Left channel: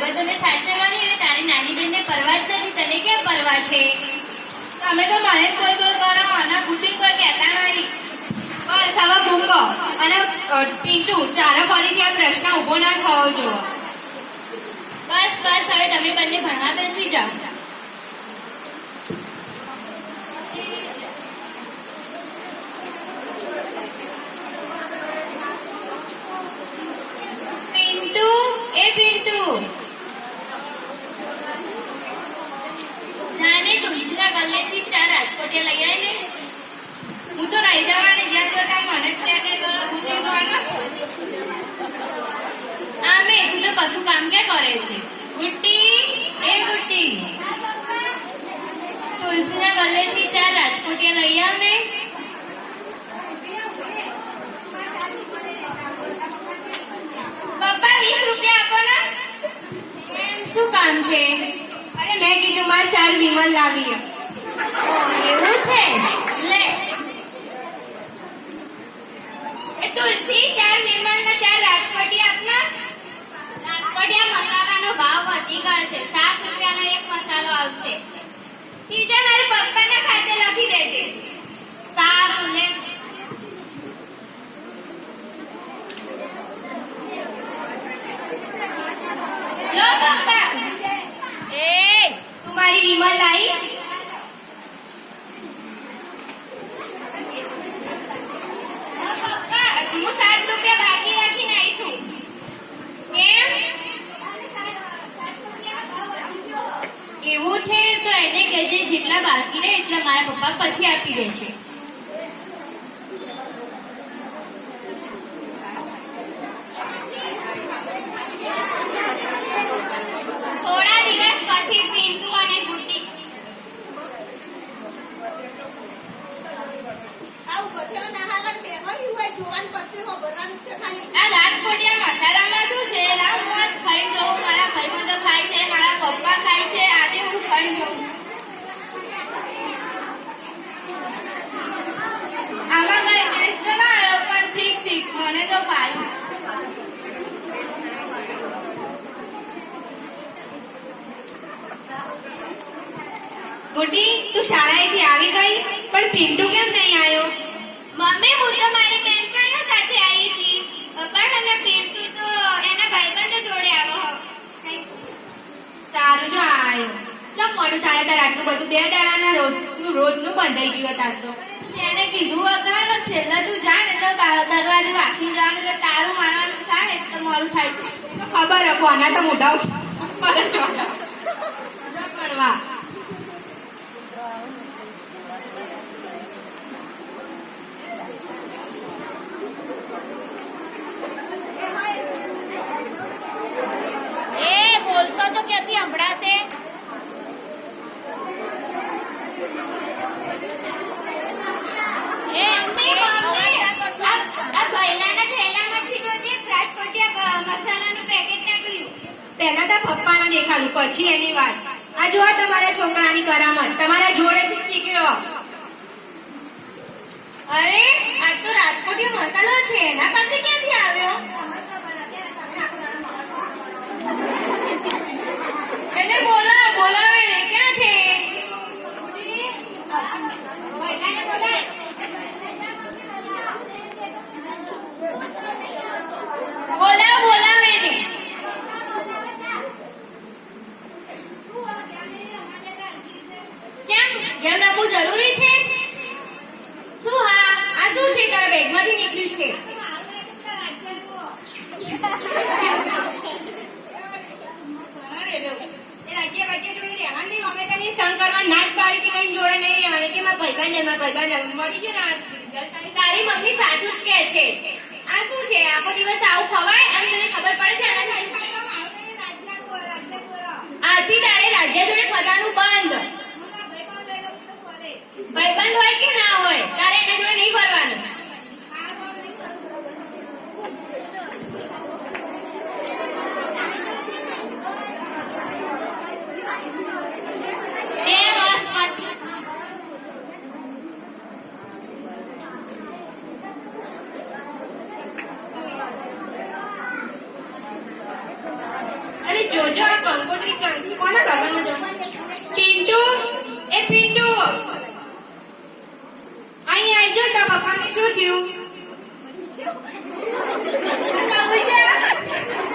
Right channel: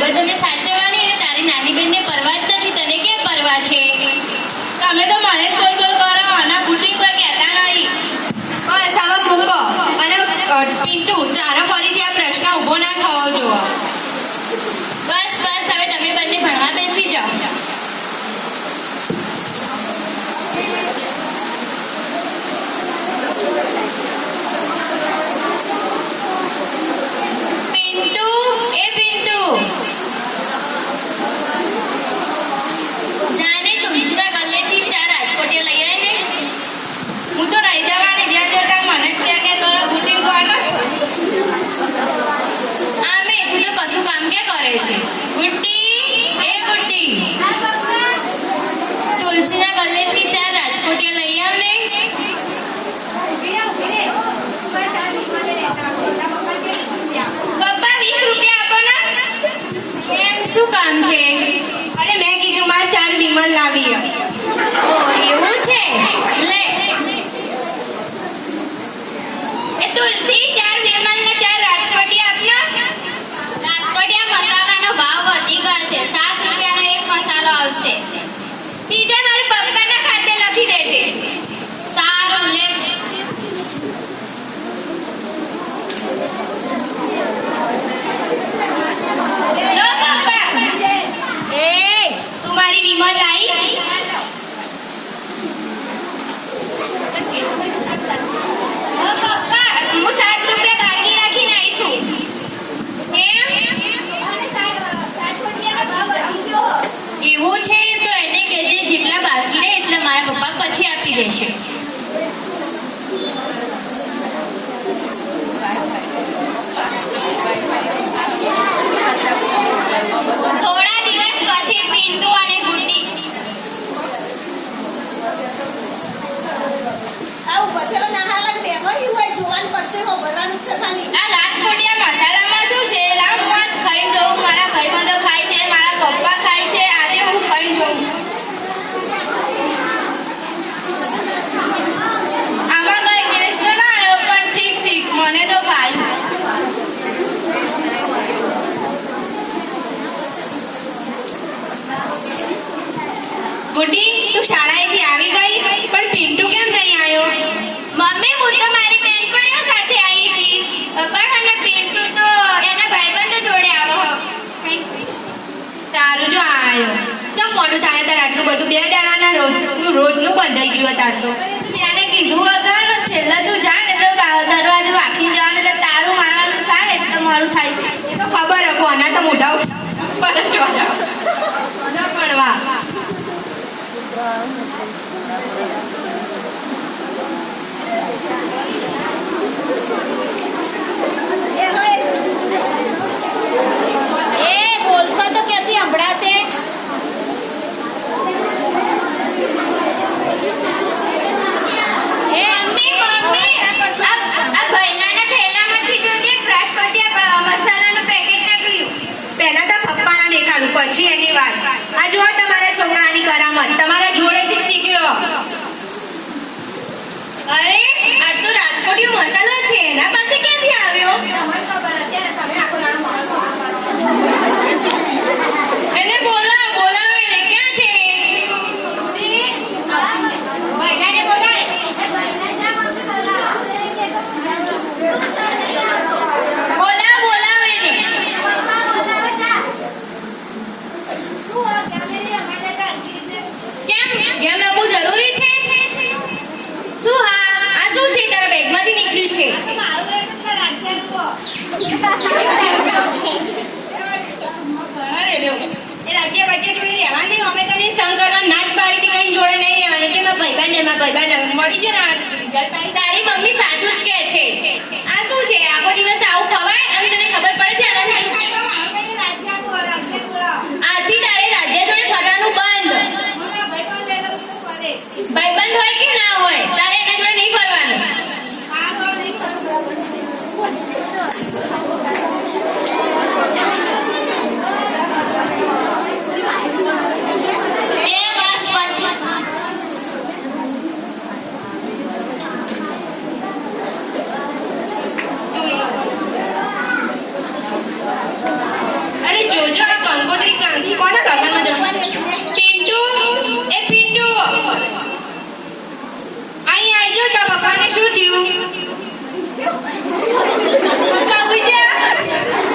ભાઈબંધોને સાચવવાની અને તારી નાની બેનને પરવા જ નથી. તને ક્યાં પરવા છે? તમે તો મને જ કોઈ કરો અને બુટિંગ કોઈ કહેતા નહીં. બસ હવે મૂકો. અને પિન્ટુ, તારો ફરીથી આ પ્રશ્ન ઊભો ના થવો જોઈએ. બસ બસ, હવે તમે બંને ભણવા બેસી જાઓ. પિન્ટુ, એ પિન્ટુ, જાને તુલસીના ગલ્લેથી 4 રાજકોટિયા લઈ આય ને. હું તો નહીં જવાની. જ્યાં જોતા મને જ ત્યાં કે કરો બુટિંગ કોનો. આમે તું તો કશું કામ ક્યાં કરે છે? ગુટ્ટી, એ ગુટ્ટી, તુલસીના ગલ્લેથી 4 રાજકોટિયા લઈ આવ ને. પપ્પા 20 રૂપિયા આપો ને. કેમ, શું કામ છે? અરે મેં કીધું મારે 4 વિમલ લાવી. ઓ એવું છે. લે. એ તુલસી 4 વિમલ ને 4 રાજકોટી આપના. રાજકોટિયા મસાલાનો ભાવ વધી ગયો છે. 7 રૂપિયાનો એક મસાલો આવશે. બીજા મારા પપ્પાના ખાતે લખી દેજે. સારું, લે. લો પપ્પા. તું મારી વિમલ લાવી. લો પપ્પા, હું 7 રૂપિયા બાકી રાખીને આવી છું. કેમ? એવું છે તો એને કહેજે જેટલા બાકી રહે એટલા મારા પપ્પા પછી આપી દેશે. થોડા દિવસ પછી પિન્ટુ અને ગુડ્ડી આ રાજકોટિયા મસાલામાં શું છે? લાવ હું આજ ખાઈને જોઉં. મારા ભાઈબંધો ખાય છે, મારા પપ્પા ખાય છે. આજે હું ખાઈને જોઉં. આમાં કઈ ટેસ્ટ તો ના આવ્યો પણ ઠીક ઠીક, મને તો ભાવ્યું. ગુડી, તું શાળાએથી આવી ગઈ પણ પિન્ટુ કેમ નહીં આવ્યો? મમ્મી, હું તો મારી બેનપણીઓ સાથે આવી હતી. પણ અને પિન્ટુ તો એના ભાઈબંધો જોડે આવો. તારું જો આવ્યો તો મોડું થાય તાર આટલું બધું 2 દાડાના રોજનું બંધાઈ ગયું તાર તો. મેં કીધું વગર છેલ્લે તું જાણ એટલે દરવાજો વાંખી જવાનું એટલે તારું મારવાનું થાય એટલે મારું થાય છે. એ તો ખબર હકો આના તો મોઢા ઉપર જ વાળા પણ વાહ. પહેલા તો પપ્પાના દેખાડું પછી એની વાત. આ જુઓ તમારા છોકરાની કરામત તમારા જોડેથી શીખ્યો. અરે આ તો રાજકોટીયો મસાલો છે. એના પાસે ક્યાંથી આવ્યો? તમને ખબર અત્યારે તમે આખો નાનો એને બોલાવે ને. ક્યાં છે? ભાઈલાને બોલાવે. બોલાવે ને. કેમ ગેમ રમવું જરૂરી છે? શું? હા, આ શું છે તારા બેગમાંથી નીકળ્યું છે? એ રાજ્ય વચ્ચે જોડે રહેવાની. અમે તને સંગ કરવા ના જ પાડી હતી. કઈ જોડે નહીં રહેવાની. કે મારા ભાઈબંધ મળી છે ને. તારી મમ્મી સાચું જ કહે છે. આ શું છે? આખો દિવસ આવું ખવાય અને તને ખબર પડે છે આજથી તારે રાજ્ય જોડે ખાવાનું બંધ. ભાઈબંધ હોય કે ના હોય તારે એના જોડે નહીં ફરવાનું. જોજો આ કંકોત્રી કોના લગ્નમાં જવાનું? પિન્ટુ, એ પિન્ટુ અહીં આવજો. તારા પપ્પાને શું થયું? પપ્પા ઉઠ્યા?